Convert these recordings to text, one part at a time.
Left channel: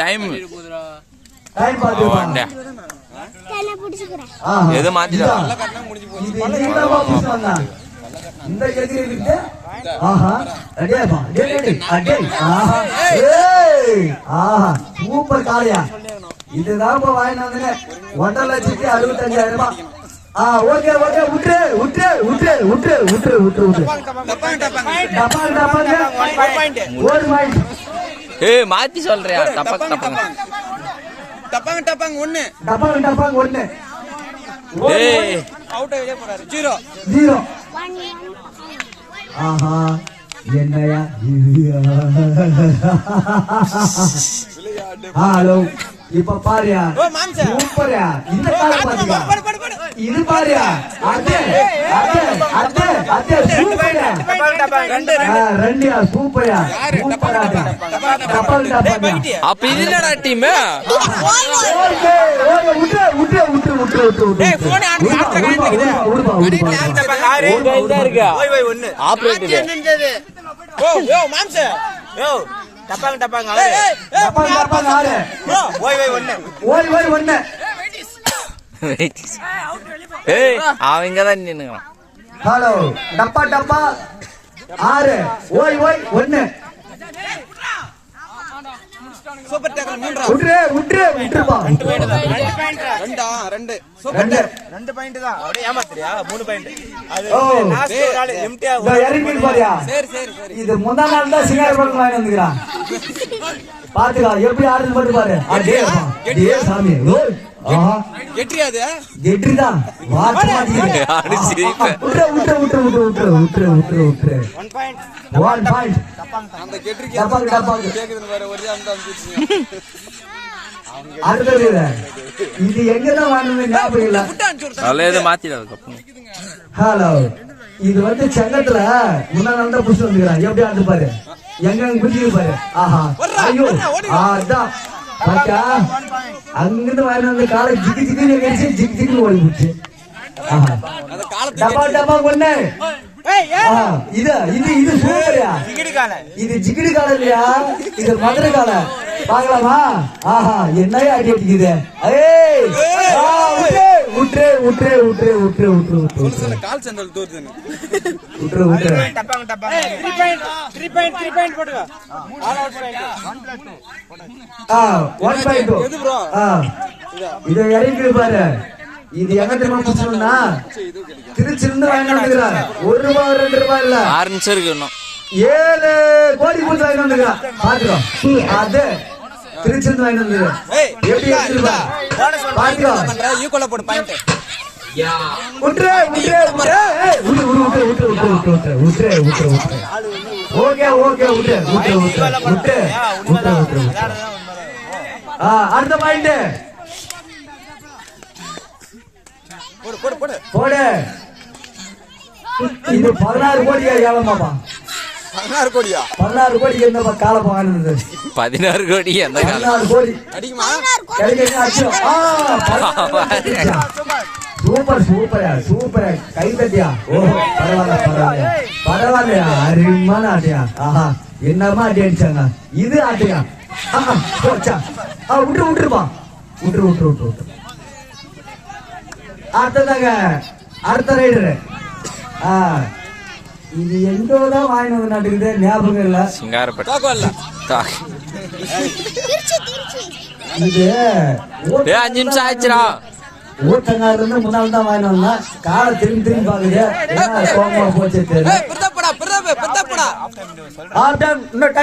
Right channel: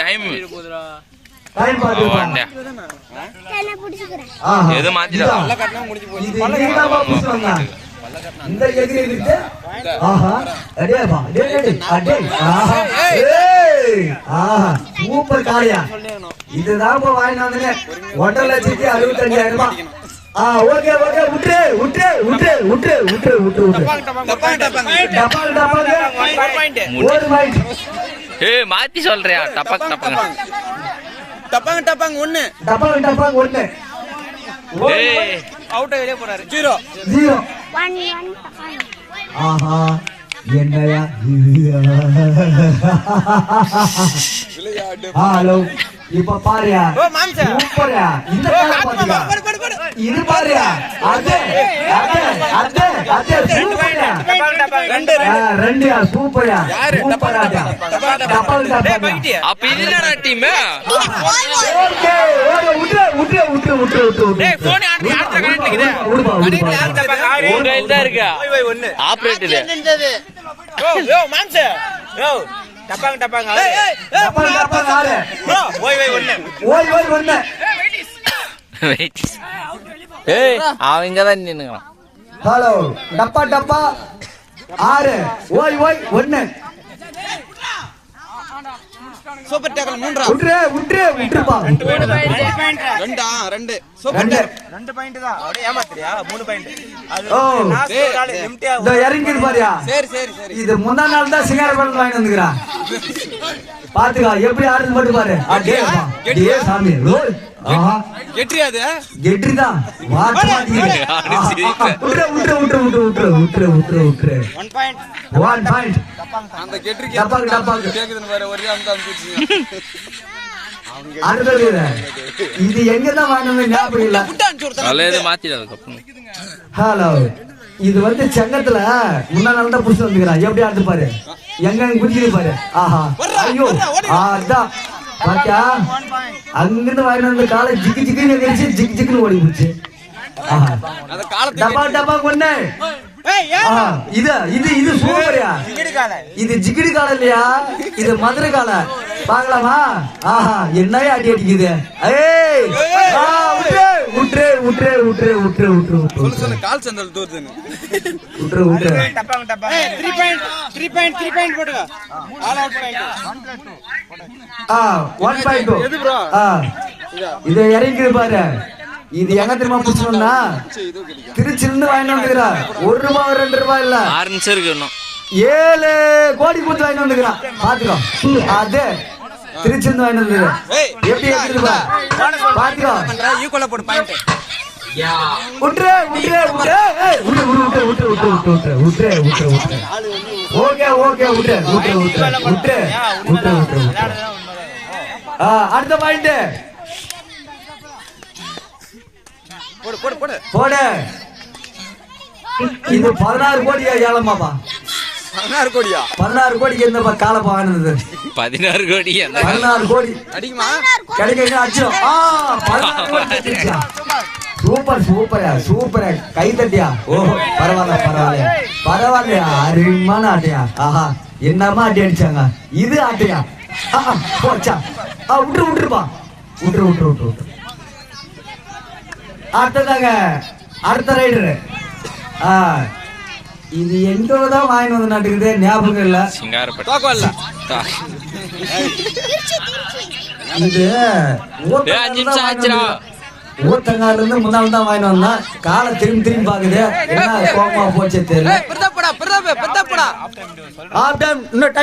Time எது மாத்திடா இந்த எகிரிட்டு ஆஹா அடேப்பா ஆஹா super காளையா இதுதான் வாங்கிட்டு வந்தீங்க 1,65,000 ஓகே ஓகே விட்டு விட்டு விட்டு விட்டு விட்டு விட்டு விட்டு மாத்தி சொல்றியா டப்பாங்க டப்பாங்க டப்பாங்க டப்பாங்க ஒண்ணு டப்பாங்க டப்பாங்க ஒண்ணு அவுட் வெளியே போறாரு 0 ஆஹா என்னையா ஹலோ இப்ப பாருயா சூப்பர்யா இந்த இது பாருயா ரெண்டுயா சூப்பர்யா அப்ப இல்லடா டீம் உங்க இதுதான் இருக்கா ஆப்ரேட்டர் டப்பாங்க டப்பாங்க அவங்கதான் நின்னுக்கிறான் ஹலோ டப்பா டப்பா 6 ஓய் ஓய் 1 சூப்பர் டேக்கல் 3 விட்டுருப்பா 2 சூப்பர் 2 பாயிண்ட் தான் அப்படியே ஏமாத்துறியா 3 பாயிண்ட் அது லாஸ்ட் கால் எம்டியா இறங்கி பாரியா சரி சரி சரி இது முந்தா நாள் தான் சிங்கர்பன் வாங்கி வந்துக்கிறான் பாத்துக்கா எப்படி ஆடுது பாட்டு பாரு அடே சாமி ஆஹா கெட்ரியாது கெட்ரிதான் வாட் மாட்டீங்க விட்டு 1 பாயிண்ட் அந்த கெட்ரிக்கு டப்பாங்க கேக்குதுன்னு வேற ஒரே அந்த அம்பிச்சு அடுத்தது இது எங்கதான் வாங்கணும்னு ஞாபகம் இல்ல அல்லேது மாத்திடாத ஹலோ இது வந்து செங்கத்துல முன்னாள் தான் புடிச்சு வந்துக்கிறான் எப்படி ஆண்டு பாரு எங்க புடிச்சு பாரு ஆஹா ஐயோ அதான் பாத்தியா அங்கிருந்து வாங்கிட்டு வந்து காலை ஜிக்கு ஜிக்கு கடிச்சு ஜிக்கு ஜிக்கு ஓடி போச்சு ஆஹா டப்பா டப்பா கொண்டு இது இது இது சூப்பர்யா இது ஜிகிடி காலை இல்லையா இது மதுரை காலை பாக்கலாமா ஆஹா என்னையா அடி அடிக்குது கால் சந்தல் தோத்து விட்டு 3 பாயிண்ட் போடுங்க 1 பாயிண்ட் எது ப்ரோ இத இறங்கி பாரு இது என்ன தெரியுமா புடிச்சோம்னா திருச்சிருந்து வாங்கிட்டு வந்துக்கிறா 1 ரூபாய் 2 ரூபாய் இல்ல 6 நிமிஷம் இருக்கு இன்னும் 7 கோடி கொடுத்து வாங்கிட்டு வந்துக்கிறா பாத்துக்கோ அது திருச்சிருந்து வாங்கிட்டு வந்துக்கிறா எப்படி எடுத்துருக்கா பாத்துக்கோ ஈக்குவலா போடு பாயிண்ட் விட்டு ஓகே விட்டு அடுத்த பாயிண்ட் போடு இது 16 கோடியா ஏழமாப்பா 16 கோடியா 16 கோடிக்கு என்னப்பா காலப்பா வாங்கினது 16 கோடி 16 கோடி அடிக்குமா கிடைக்க அச்சோ சூப்பர் கை தட்டியா ஓஹோ பரவாயில்லையா அருமையான ஆட்டையா ஆஹா என்னமா ஆட்டி அடிச்சாங்க இது ஆட்டையா போச்சா விட்டுருப்பா விட்டு அடுத்ததாக அடுத்த ரைடரு இது எங்கதான் வாங்கிட்டு வந்து நாட்டுக்குது ஞாபகம் இல்ல இது 5 நிமிஷம் ஆச்சுடா ஊத்தங்கால இருந்து முன்னாள் தான் வாங்கிட்டு வந்தா காலை திரும்பி பாக்குது என்ன கோபமா போச்சு தெரியல இன்னும்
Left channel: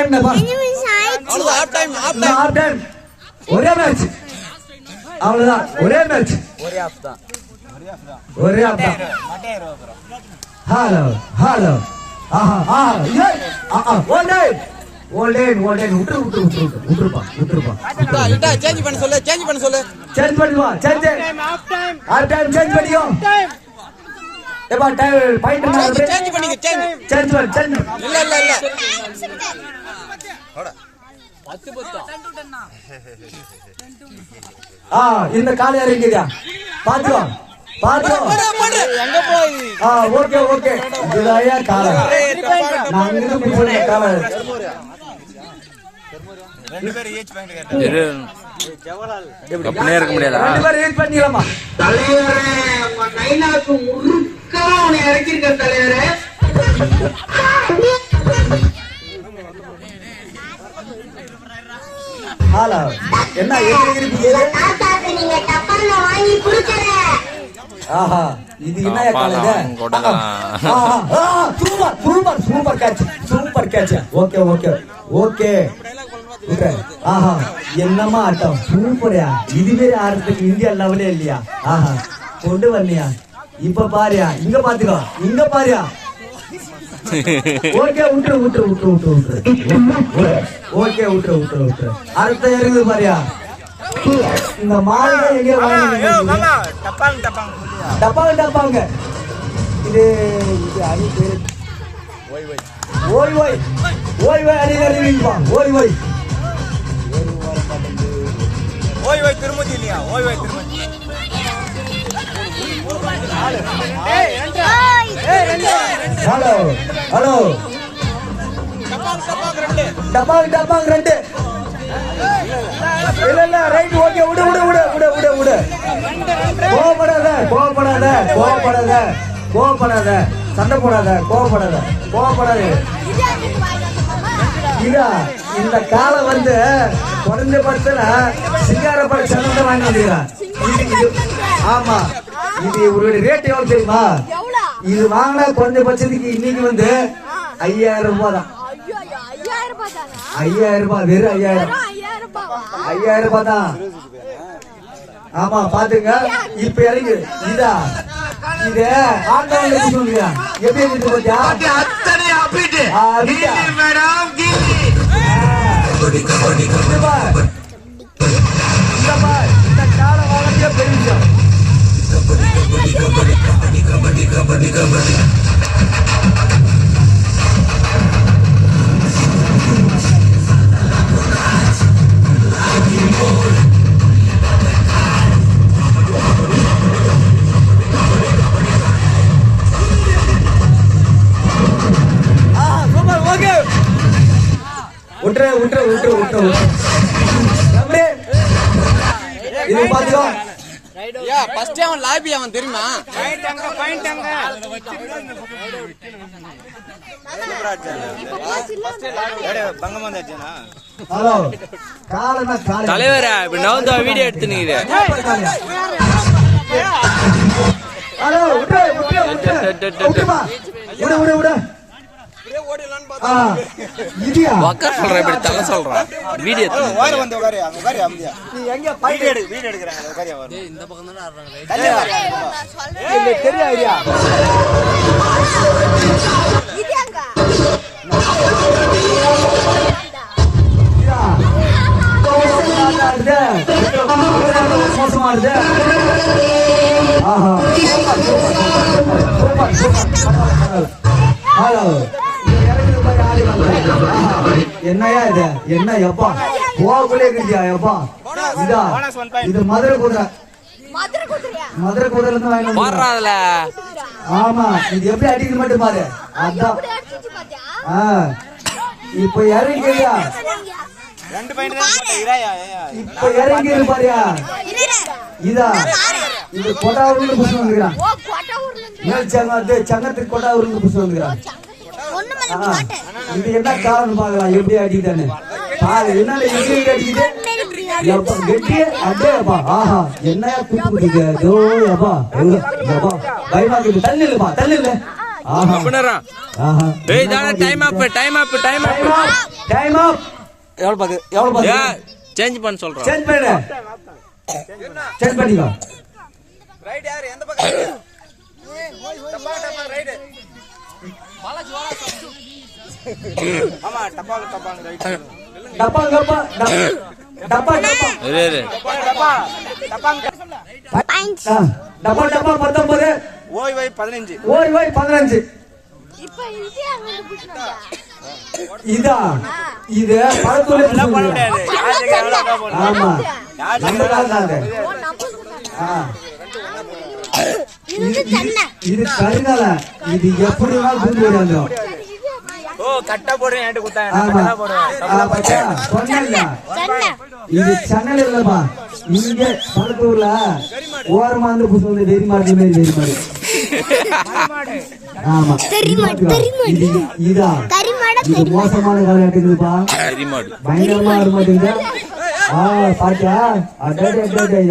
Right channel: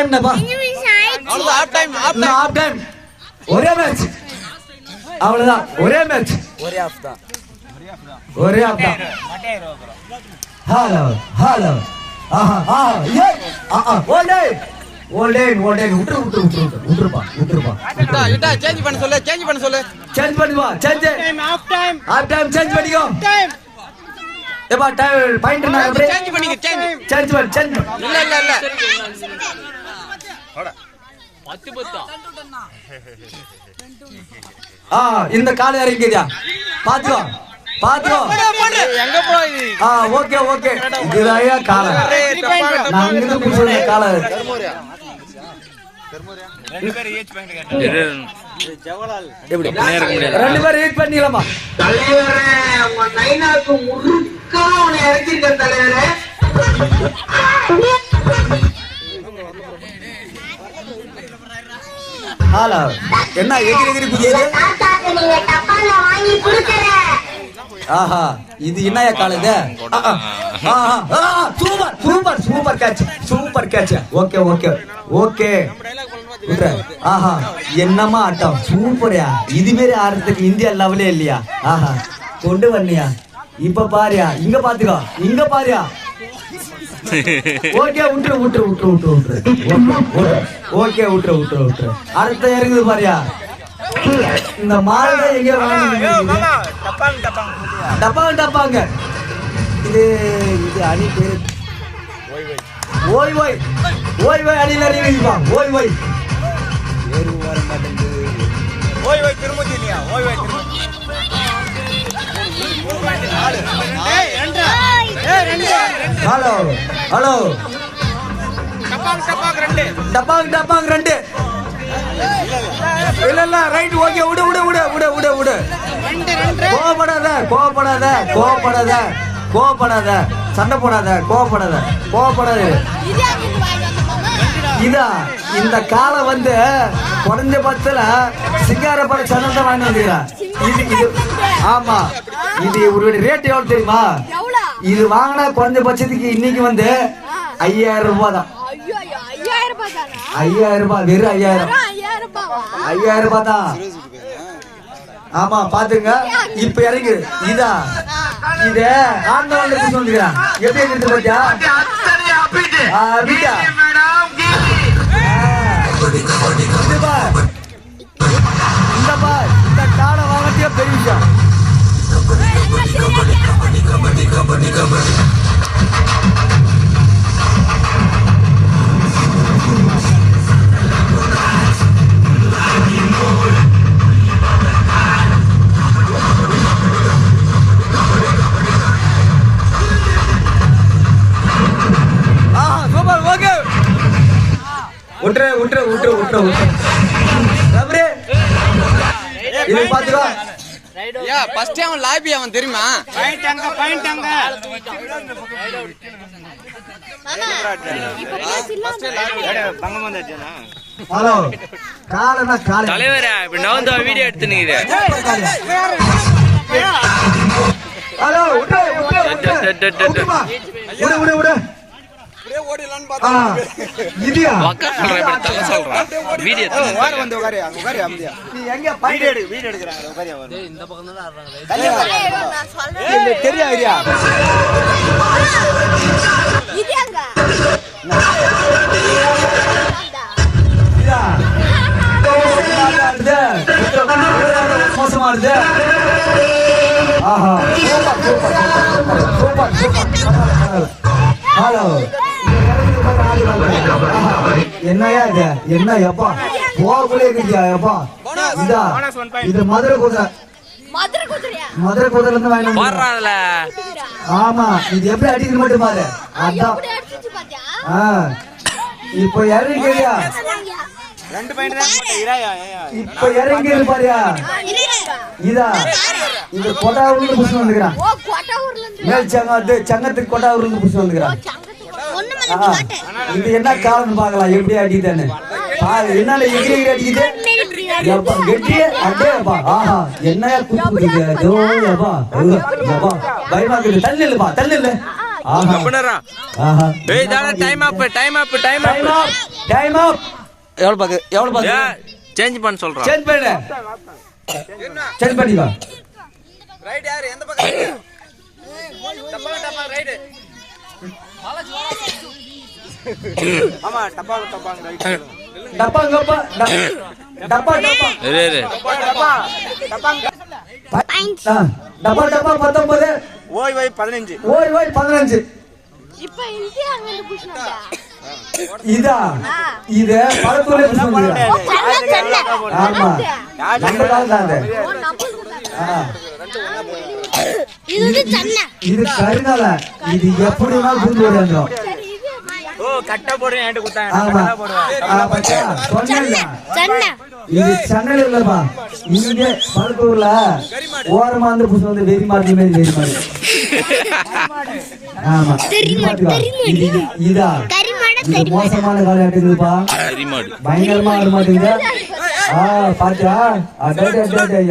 டைம் ஒரே மேட்ச் அவ்வளவுதான் ஒரே ஆஃப் தான் ஹலோ ஆஹா விட்டுருப்பா சேஞ்ச் பண்ண சொல்லு சேஞ்ச் பண்ணுவா சேஞ்ச் பண்ணிக்கோ ஏப்பா பாயிண்ட் சேஞ்ச் பண்ணிக்க சேஞ்ச் இல்ல 10 இந்த கால இறங்கியா பாத்துக்கோ எங்க போய் ஓகே இதுலயா கால நான் இங்க புடிச்சே கால ரெண்டு பேரும் ஏஜ் பாயிண்ட் கேட்டாங்க. இரு. அப்படியே இருக்க முடியாதா? ரெண்டு பேரும் வெயிட் பண்ணிக்கலாமா? தலைவரே உங்க நைனாக்கு முழுக்கா உன்னை இறக்கிருக்க தலைவரே. ஹலோ என்ன எகிரி எகிரி புரியுது? தாத்தாக்கு நீங்க டப்பால வாங்கி கொடுக்கற. ஆஹா இது என்னைய காலுது? கொடலாம். Super super super catch super catch. Okay okay okay. ஆஹா என்னமா ஆட்டம் சூப்பர்யா. இது மாரி ஆடுறதுக்கு இந்தியா லெவலே இல்லையா? ஆஹா கொண்டு வந்தியா? இப்ப பாரியா இங்க பாத்துக்கோ இங்க பாரியா. ஓகே விட்டுரு விட்டுரு விட்டுரு விட்டுரு விட்டுரு. ஓகே விட்டுரு விட்டுரு விட்டுரு. அடுத்த இறங்குது பாரியா. இந்த மாலை எங்க வாங்கிட்டு டப்பாங்க டப்பாங்க. இது இது அணி பேரு ஓய் ஓய் ஓய் ஓய் அணில அறிவிப்பா ஓய் ஓய். ஓய் ஓய் திருமதி இல்லையா? ஓய் ஓய் திருமதி. ஹலோ ஹலோ டப்பாங்க ரெண்டு. டப்பாங்க டப்பாங்க ரெண்டு. இல்ல இல்ல ரைட் ஓகே விடு விடு விடு விடு விடு விடு. கோபப்படாத கோபப்படாத கோபப்படாத கோபப்படாத சண்டை போடாத கோபப்படாத கோபப்படாத. இதா இந்த காலம் வந்து குறைஞ்ச பட்சத்துல சிங்காரப்பட சந்தத்தை வாங்கி வந்துக்கிறான். இது இது ஆமா இது ஒரு ரேட் எவ்வளவு தெரியுமா? இது வாங்கினா குறைஞ்ச பட்சத்துக்கு இன்னைக்கு வந்து 5000 ரூபாய் தான். 5000 ரூபாய் வெறும் 5000 ரூபாய் தான். ஆமா பாத்துங்க இப்ப இறங்கு. இதா இது ஆண்டவன் சொல்லுங்க எப்படி இருக்கு பாத்தியா? அத்தனை அப்பிட்டு மேடம் விட்டுரு விட்டுரு விட்டுரு விட்டுரு விட்டுரு. இது பாத்துக்கோ. யா ஃபர்ஸ்ட் அவன் லாபி அவன் தெரியுமா? ஹலோ காலனா கால தலைவரா இப்ப நான் தான் வீடியோ எடுத்துனீங்க. ஹலோ விட்டு விட்டு விடு விடு விடு. இதியா உட்கார சொல்றேன் இப்படி தலை சொல்றான் வீடியோ எடுத்து. ஓர வந்து உட்காரு அங்க உட்காரு அம்தியா. நீ எங்க வீடியோ எடுக்கறாங்க உட்காரு வர. இந்த பக்கம் தான் ஆடுறாங்க. இல்ல தெரியா ஐயா. இதியாங்க மோசமா இருக்கு. ஆஹா ஹலோ என்னையா இது என்ன எப்பா போகக்குள்ளே இருக்கியா எப்பா? இதா இது மதுரை குதிரை. மதுரை குதிரை இருந்து வாங்கி போடுறா அதுல. ஆமா இது எப்படி அடிக்கிற மட்டும் பாரு. அதான் இப்ப இறங்கியா ரெண்டு பாயிண்ட் தான் இராயா. இப்ப இறங்கி பாரியா. இதா இது கொட்டாவூர்ல புடிச்சு வந்துக்கிறான். மேல் சங்கத்து சங்கத்துக்கு கொட்டாவூர்ல புடிச்சு வந்துக்கிறான். இது என்ன காரணம் பாக்கலாம் எப்படி அடிக்குதுன்னு பாரு. என்ன எகிரி அடிக்குது எப்பா கெட்டி அடேப்பா. ஆஹா என்ன குத்துக்குது ஜோ எப்பா எப்பா பயமாக்குது. தள்ளு இல்லப்பா தள்ளு இல்ல. ஆஹா அப்படினா ஆஹா ஏய் தான டைம் அப் டைம் அப் டைம் அப் டைம் அப். எவ்வளவு பாக்கு எவ்வளவு பாக்கு? ஏ சேஞ்ச் பண்ண சொல்றேன். சேஞ்ச் பண்ணு சேஞ்ச் பண்ணிக்கோ. ரைட் யார் எந்த பக்கம்? டப்பா ரைட். ஆமா டப்பா ரைட். டப்பா டப்பா டப்பா டப்பா இரு இரு. டப்பா டப்பா டப்பா 19 ஓய் ஓய் 15. ஓய் ஓய் 15. இப்ப இந்தியா அங்க புடிச்சா இதா இது பழத்தூர்ல புடிச்சு. ஆமா நம்ம தான் இது கருங்கால. இது எப்படி புரிஞ்சு விடாங்க. கட்டா போடுறேன் என்கிட்ட கொடுத்தாங்க ஆமா நான் போடுவேன் பாத்தியா சொன்னேன்ல சென்னை இது சென்னையில இல்லப்பா இங்க பழத்தூர்ல ஓரமா வந்து புதுசு வந்து வெறி மாடு மாதிரி வெறி மாடு ஆமா இதா இது மோசமான காலையாட்டுக்குதுப்பா பயங்கரமா ஆட மாட்டேங்குது பாத்தியா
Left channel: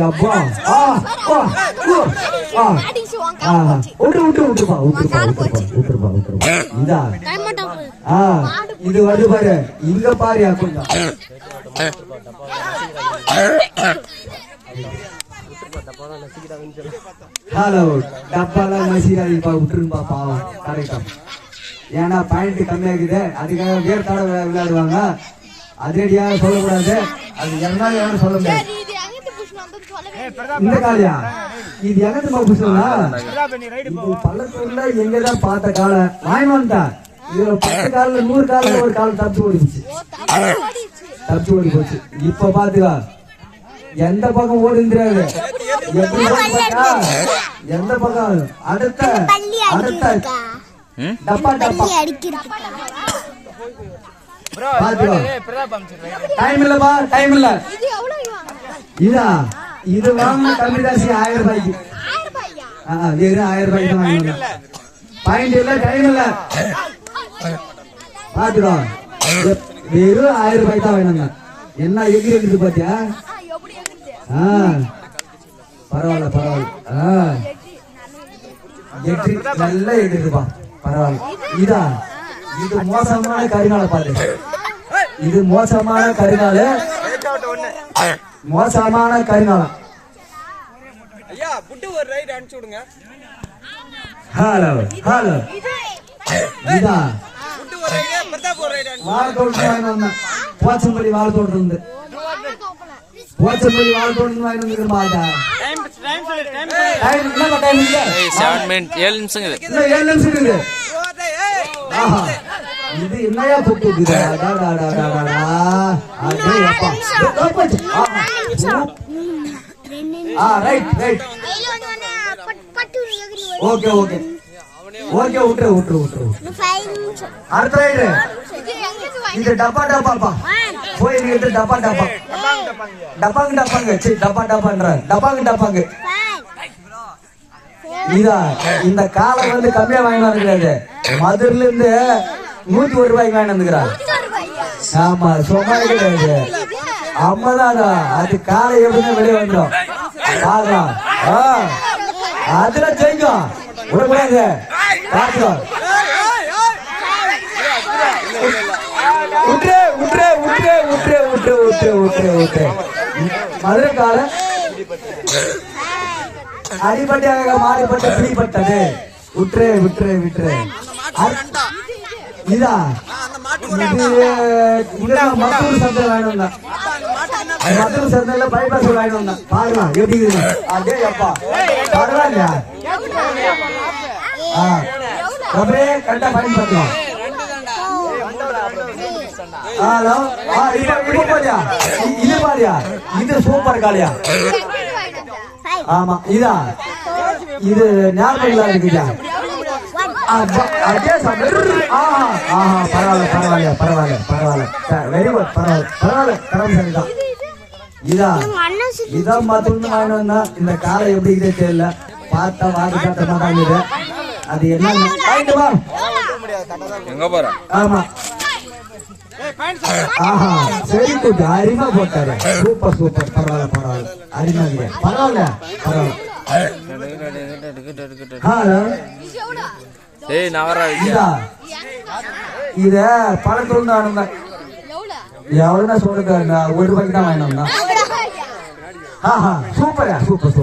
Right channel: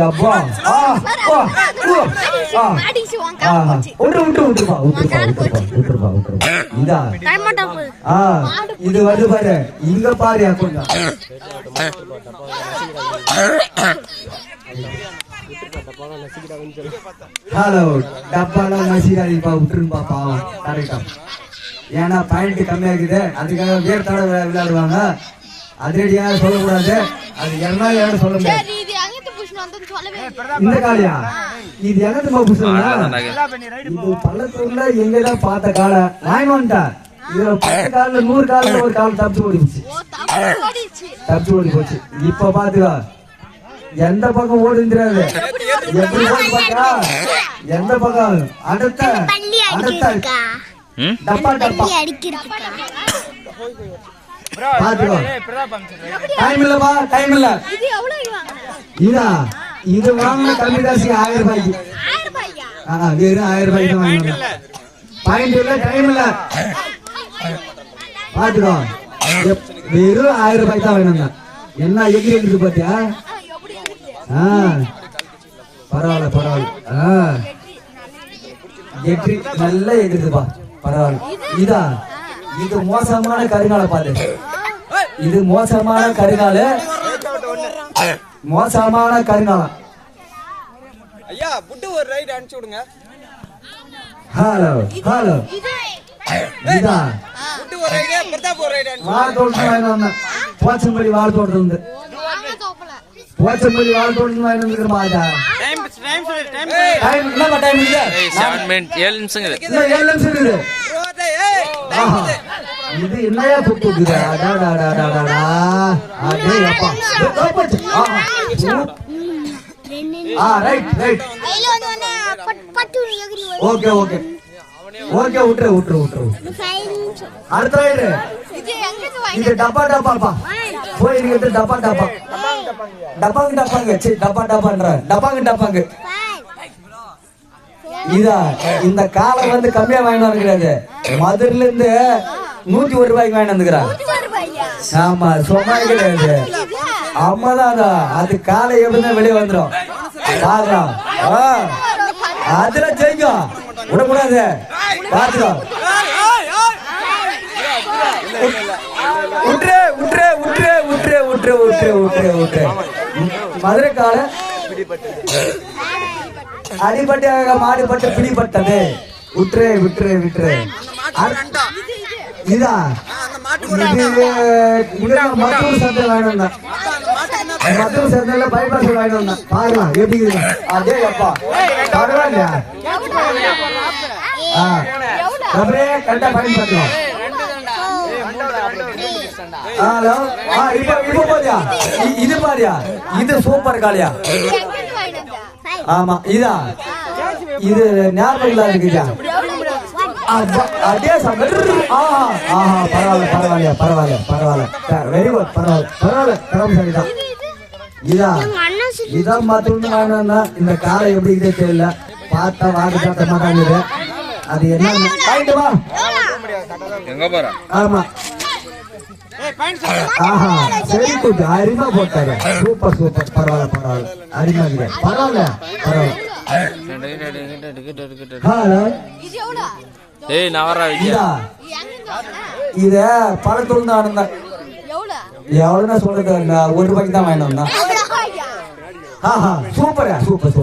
அப்பா விட்டுருப்பா இதா இது வருது பாரு இங்க பாரு கொஞ்சம் ஹலோ டப்பாலாம் நசிக்காதீப்பா விட்டுருப்பா பாவம் கரெக்டா ஏன்னா பாயிண்ட் கம்மியாக்குது அதுக்காக வேர் தடவை விளையாடுவாங்க அதிரடியாக சொல்லக்கூடாது அது என்னால யாரும் சொல்ல முடியாது இந்த காலையா இது எனக்கு புதுசுங்களா இது பள்ளத்தூர்ல எங்கதான் பார்த்த காலை நான் வந்துட்டேன் இதுல 10 காலில் 100 காலில் ஒரு கால் தப்பிச்சு ஓடி போச்சு இப்ப பாத்துக்கா எந்த பக்கம் ஓடுங்கிறாரு எப்படி பாத்தா எந்த பக்கம் அடுத்த டப்பா பாத்துக்கா டைம் இல்லப்பா டைம் இல்ல இதா இது வாங்கின கம்மி காசு 1000 ரூபாய்க்கு 1000 ரூபாய்க்கு தான் வாங்கணும் பாயிண்ட் இல்ல டைம் இல்ல பாத்துக்கோ வெறும் 1000 ரூபாய்க்கு தான் வேணுங்க என்ன எகிரி பாத்தியா பரவாயில்ல எகிரி நல்லா எகிரிதுப்பா பரவாயில்ல இதா இது மோசமான கருங்கால பாரு இது மோசமான கருங்காலம் ஐயா புட்டு ஒரு ரைட் அனுப்பிச்சு விடுங்க ஹலோ இதா புட்டு ஒரு ரைட் பிரதாப் ஒரு ரைட் அனுப்பிச்சு வாழ தோட்டம் போச்சம்படி வாழ தோட்டம் உண்டு போச்சம்படி வாழ தோட்டம் வாங்கிட்டு மாட்டா டைம் 7 மினிட் 7 நிமிஷம் இருக்குது 7 நிமிஷம் இருக்குது இது என்னையா தொட்டு ரைட் ஓகே விட்டுரு அடுத்த ரைடு இது டப்பாப்பா போய் டப்பாங்க இதா இந்த காலை வந்து கம்மியா வாங்கி வந்துருக்காது மதுரையில இருந்து 101 ரூபாய்க்கு வாங்கி வந்துக்கிறான் ஆமா சும்மா கிடையாது அம்மாதான் அது காலை எப்படின்னா வெளியே வந்துடும் அதுல ஜெயிக்கும் விடக்கூடாது பாத்துக்கோ விட்டுரு மதுரை காலை அடிப்பட்ட மாடிப்பட்ட பிடிப்பட்டது விட்டுரு இதா இது மத்தூர் சந்தை வாங்கிட்டு மத்தூர் சந்தையில பைபாஸ் வாங்கிட்டு வந்தான் பாருமா எப்படி அதே அப்பா பரவாயில்லையா அப்படியே கரெக்டா பயன் பார்க்கலாம் ஹலோ இப்ப பாரியா இது பாரியா இது சூப்பர் காலியா ஆமா இதா இது ஞாபகம் இருக்குதா அதே பரவாயில்ல வெரி குட் பரவாயில்ல கடமை சரிதான் இதான் பார்த்தோம்னா இந்த காலை எப்படி இதே தெரியல பார்த்தா வாடி பார்த்த மாட்டாங்க அது என்ன எங்க போற ஆமா சரி கொஞ்சம் அரிமா போட்டாரு சூப்பர் பரவாயில்ல அரிமா பரவாயில்ல ஏய் நவரா விஜயா இத பழத்துல தான் எவ்வளவுனா சொல்றது 1 ரூபாய்க்கு தான் வாங்கிட்டு வந்தான் சூப்பர்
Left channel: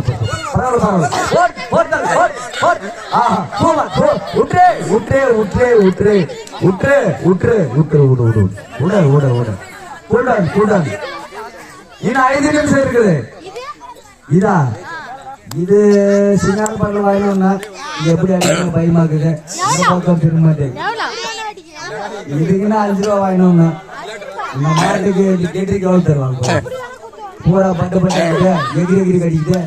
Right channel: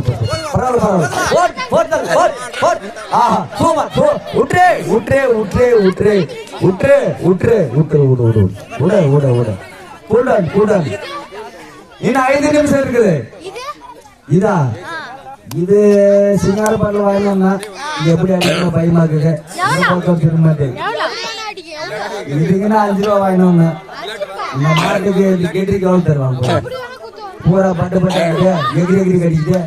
பரவாயில்ல இன்னும் 5 நிமிஷம் இருக்குது இதா இது சிங்காரப்பாட்டில் வாங்கினோம்னா எப்படி பயமா இருக்குது திரும்ப மாட்டேன் இதுக்குன்னா 5 ரூபா வாங்கினோம்னா இந்த மாட்டுக்கு கேட்டரிக்கு எவ்வளவு தருவாங்க பூரா பட்டு எகிரி கடிக்கிட்டு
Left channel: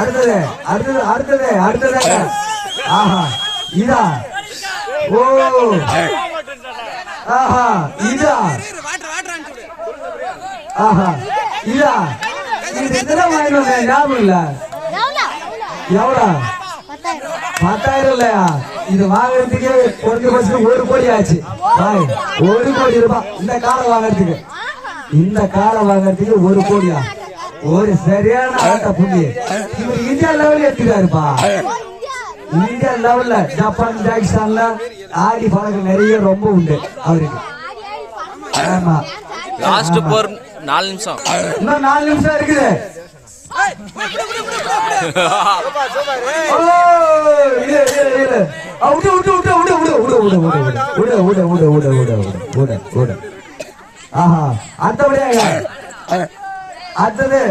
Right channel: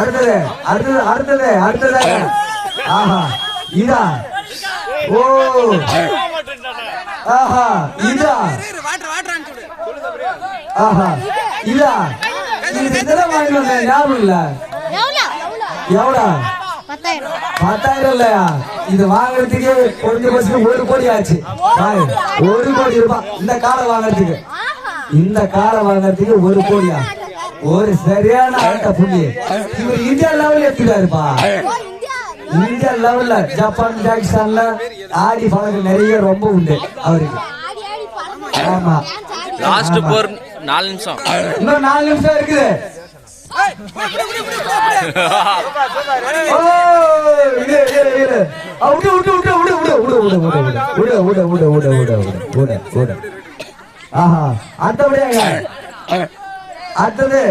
அடுத்தது அடுத்தது அடுத்தது அடுத்தது ஆஹா இதா ஓ ஆஹா இதா ஆஹா இதா இது இதெல்லாம் வாங்கினோங்க ஞாபகம் இல்ல எவ்வளோ 10,000 இல்லையா இது வாங்குறதுக்கு குறைஞ்சபட்சம் 1 கோடி ஆச்சு 1 கோடி ரூபாய் இந்த காலை வாங்குறதுக்கு 1 கோடியா ஒரு சரியான ஆட்ட புள்ளி இவர் இந்தியா லெவல்ல எடுத்துட்டாருப்பா இந்தியா லெவல்ல ஜப்பான் பாகிஸ்தான்ல ஆடி பழக்கம் நிறைய ரொம்ப உண்டு அவருக்கு ஆமா லாஸ்ட் போர் 4 நிமிஷம் இன்னும் 4 நிமிஷம் இருக்குது ஆஹா அடுத்தது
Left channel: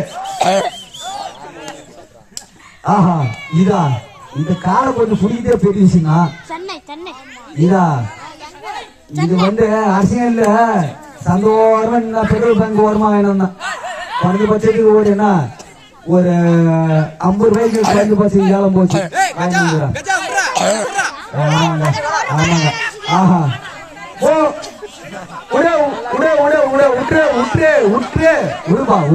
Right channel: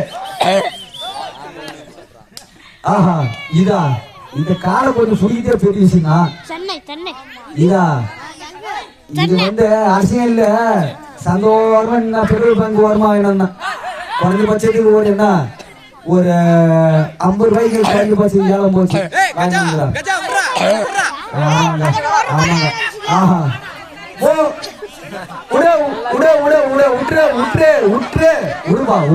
ஆஹா இதா இந்த காலை கொஞ்சம் புடிக்கிட்டே பெரிய விஷயம் இதா இது வந்து அரசியல்ல சந்தோஷமா பெட்ரோல் பங்க் வருமா வேணும்னா குறைஞ்சபட்சத்துக்கு ஓடுனா ஒரு 50 ரூபாய்க்கு குறைஞ்சபட்ச ஏலம் போச்சு ஆமாங்க ஆமாங்க ஆஹா விடுப்பா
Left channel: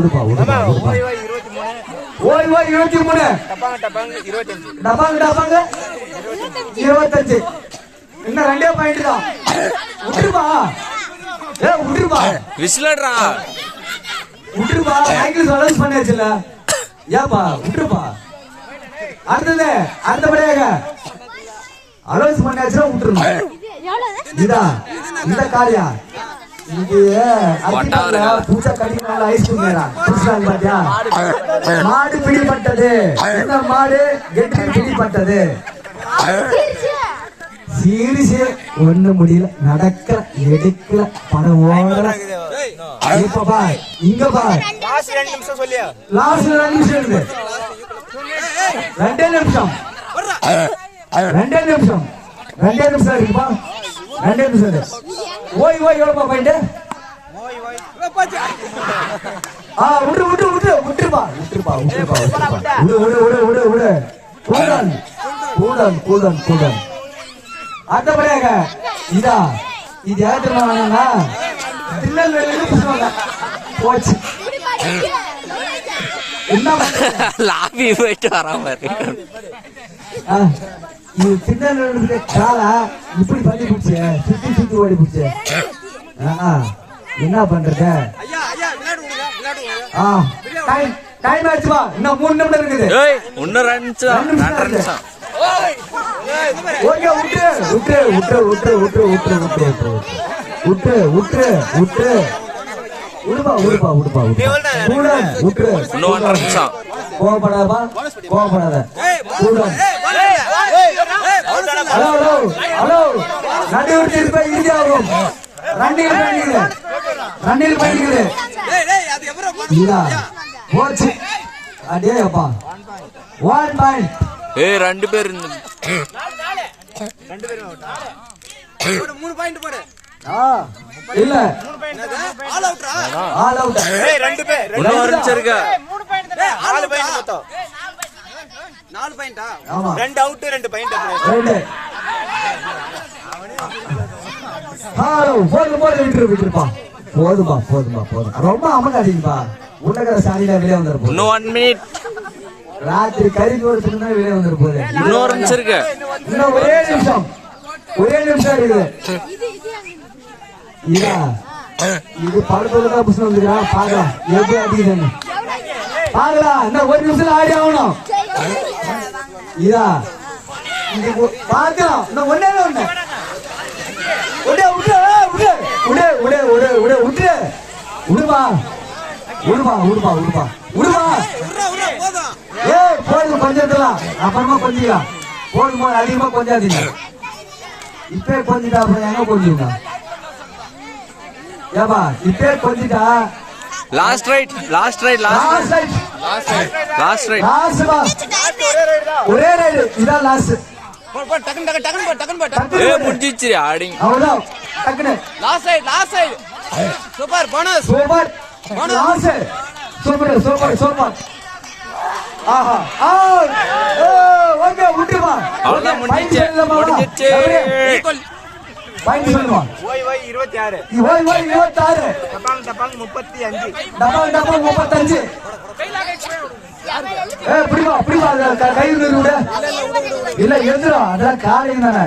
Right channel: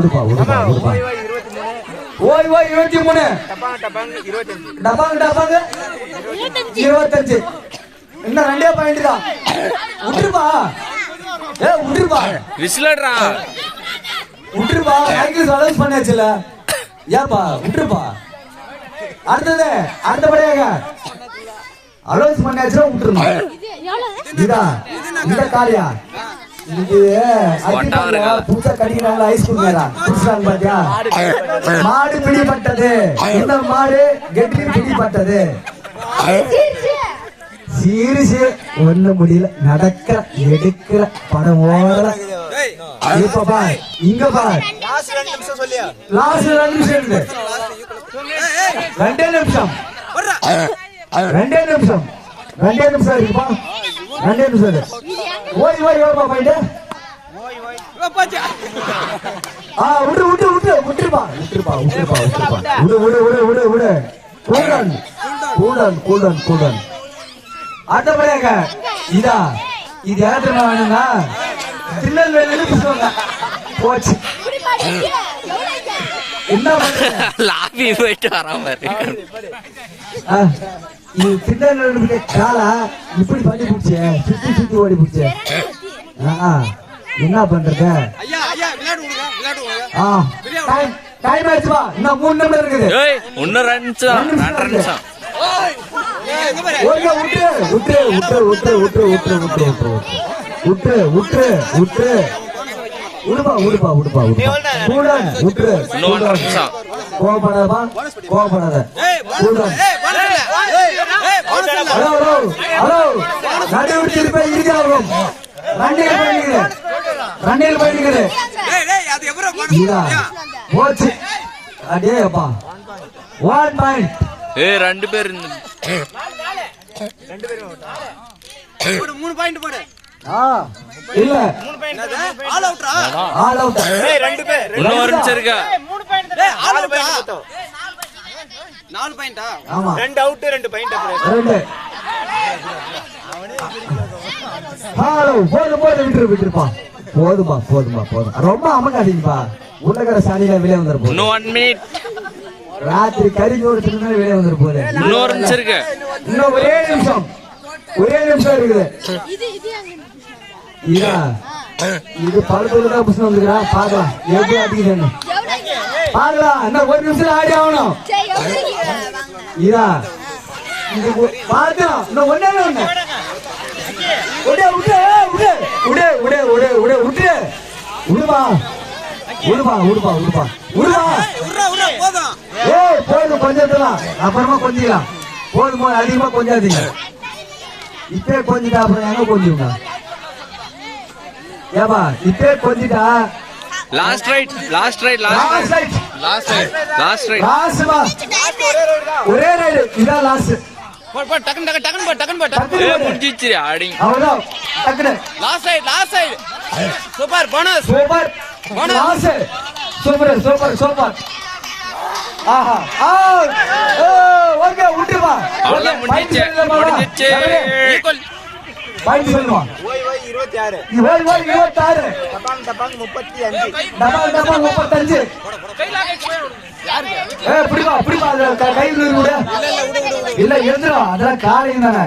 ஓய் 23 டபாங்க 25 இன்னும் 2 பாயிண்ட் தான் விட்டுருப்பா விசிலடா விட்டுருப்பா சைக்கிள் அலௌன்ஸ் பண்ணியாச்சுல ஏப்பா விட்டுருப்பா அடுத்தபடியாக அலௌன்ஸ் பண்ணியாச்சுல விட்டுருமா இதா இந்த காரியா இது பூச்சா கடினால ஐஸ்கிரீம் பாத்தியா மாடு பிடிப்பட்டது என்ன மாடு கெட்டி பிடிப்பட்டது சீரிசு ஒண்ணு முடியல நடக்கிற எடுக்கிற படம் ஓடல இப்ப பார் இங்க பார் லாஸ்ட் 2 நிமிஷம் இருக்கு 2 நிமிஷம் 2 நிமிஷம் இருக்குப்பா 2 நிமிஷம் ஓய் எவ்வளோப்பா பாயிண்ட் விட்டுருப்பா கூடன் அடுத்தபடியாக இதா இது யாத்திரமா வேணும்னா திருநெல்வேலி புதுவாங்க போச்சு என்ன லாபி போயிட்டு வராம இது திருநெல்வேலி காலா இப்படி பண்ணி பிடிச்ச சுத்தி ஓடி பிடிச்ச என்ன பண்றது டைம் ஆயிடுச்சுப்பா இன்னும் 3 நிமிடம் இருக்குது இன்னும் 2 நிமிஷம் கோபப்படாத ஹலோ ரன்னில் பண்ணிக்கிறேன் போச்சு அடே அப்பா 1 பாயிண்ட் 2 பேர் 3 பாயிண்ட் போடு இல்ல ஆல் அவுட் 2 பேர் இன்னும் ஒரு நிமிஷம் இருக்கு 3 பாயிண்ட் தானே 4 பாயிண்ட் மொத்தம் 4 பாயிண்டா ஆமா 2 அவுட் 2 பாயிண்ட் போதுமா ரொம்ப அமகாதீங்கப்பா உள்ளகர சாணியில வெளியே வந்துருப்போம் இன்னும் 1 மினிட் ராத்திரி கறிச்சோறு தின்னா வெளியே வந்துருப்போம் இன்னும் ஒரு நிமிஷம் இருக்கு இன்னும் ஒரே நிமிஷம் இருக்குது இதா இது படத்துலதான் புஷன் வந்துக்கிறா பாக்கலாம் எப்படி அடிக்குதுன்னு பாக்கலாம் இன்னும் 1 நிமிஷம் ஆடி ஆகணும் இதா இது பாக்கலாம் இன்னும் ஒண்ணு போதும் கொஞ்சம் அப்புறமா கொஞ்சம் போதும் அதிகமா கொஞ்சாதீங்க இப்பே கொஞ்சிட்டா அப்புறம் கொஞ்சம் ஏப்பா இப்பே கொஞ்சிட்டா லாஸ்ட் ரைட் ஒரே ரைடு இதான் லாஸ்ட் முடிஞ்சிச்சு ஆடி அவ்வளவு டக்குனு last side super bonus super ஆஹா ஓகே விட்டுமா அவ்வளவுதான் முடிஞ்சிச்சு முடிஞ்சிச்சு பாயிண்ட் சொல்லுவான் ஓய் 26 நீ ஓய் 26 டபாங் 35 டபால் 35 பிடிமா கையில் இல்ல எந்திரம் அதெல்லாம் காலையும் தானே